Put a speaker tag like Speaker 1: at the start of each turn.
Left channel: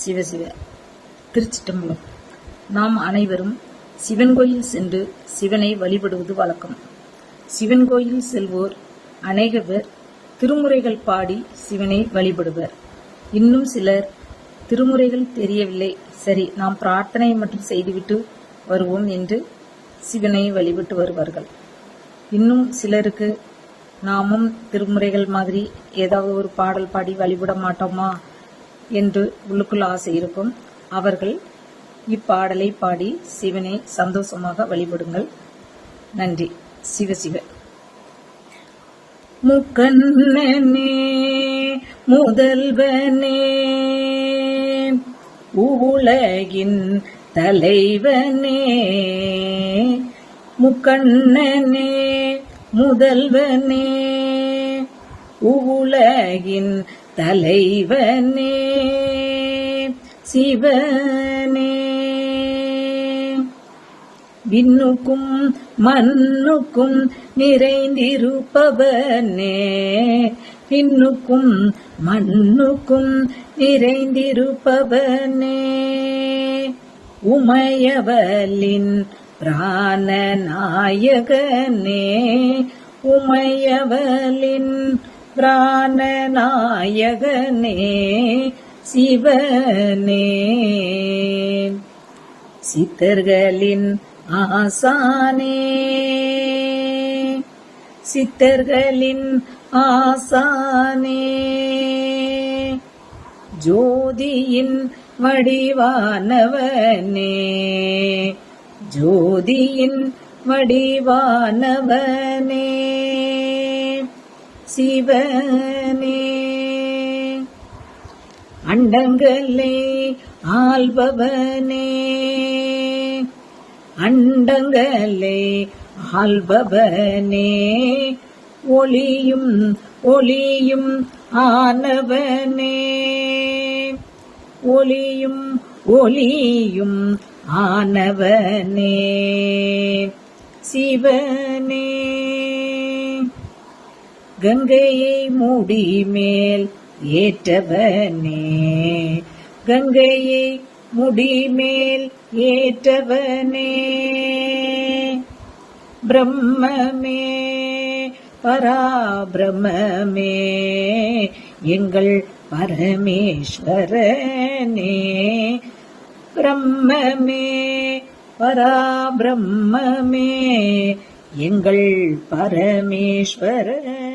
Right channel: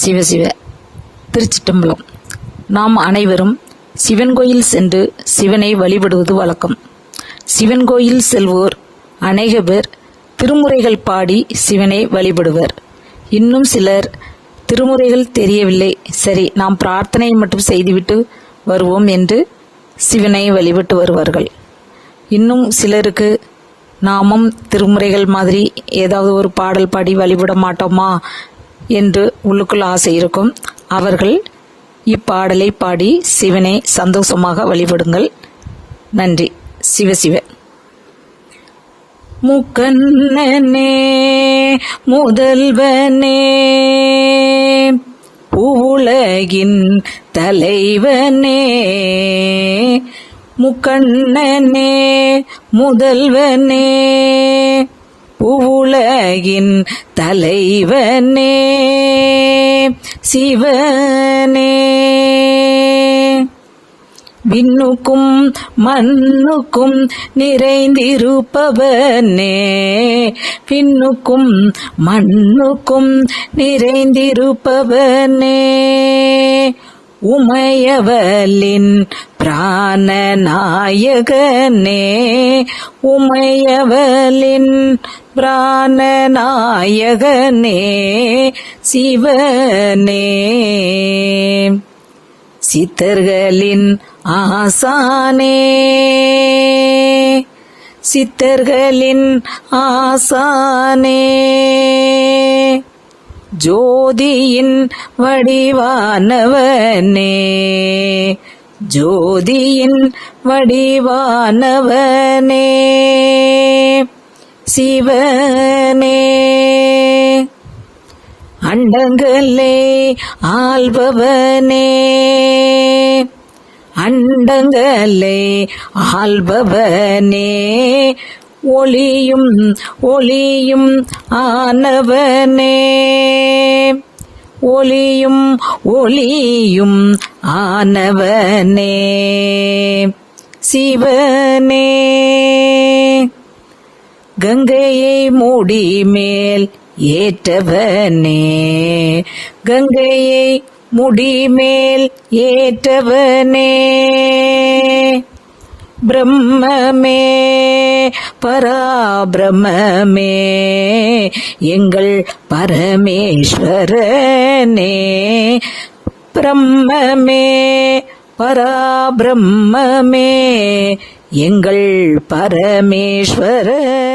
Speaker 1: சிவசிவ திருச்சிட்டம்பலம். நாம் அனைவரும் சிவன் கோயில் சென்று சிவனை வழிபடுவது வழக்கம். சிவன் கோயில் செல்வோர் அநேக பேர் திருமுறைகள் பாடி சிவனை வழிபடுவர். இன்னும் சிலர் திருமுறைகள் தெரியவில்லை. சரி நாம் பிரார்த்தனை மட்டும் செய்துவிட்டு வருவோம் என்று சிவனை வழிபட்டு வருவார்கள். இன்னும் சிலருக்கு நாமும் திருமுறைகள் மாதிரி ஏதாவது ஒரு பாடல் பாடி வழிபட மாட்டோமா? என்று உள்ளுக்குள் ஆசை இருக்கும். அவர்கள் இப்பாடலை பாடி சிவனை சந்தோஷமாக வழிபடுங்கள். நன்றி. சிவசிவ முக்கண்ணனே முதல்வனே உலகின் தலைவனே முக்கண்ணனே முதல்வனே உலகின் தலைவனே சிவனே. விண்ணுக்கும் மண்ணுக்கும் நிறைந்திருப்பவனே விண்ணுக்கும் மண்ணுக்கும் நிறைந்திருப்பவனே. உமையவலின் பிராணநாயகனே உமையவலின் பிராணநாயகனே சிவனே. சித்தர்களின் ஆசானே சித்தர்களின் ஆசானே. ஜோதியின் வடிவானவனே. ஜோதியின் வடிவானவனே. சிவனே. அண்டங்களே ஆள்பவனே. அண்டங்களே ஆள்பவனே. ஒளியும் ஒளியும் ஆனவனே. ஒளியும் ஒளியும் ஆனவனே. சிவனே. கங்கையை மூடி மேல் ஏற்றவனே. கங்கையை முடிமேல் ஏற்றவனே. பிரம்மமே. பராபிரமே எங்கள் பரமேஸ்வரனே. பிரம்மமே பராபிரம்மே. எங்கள் பரமேஸ்வரனே.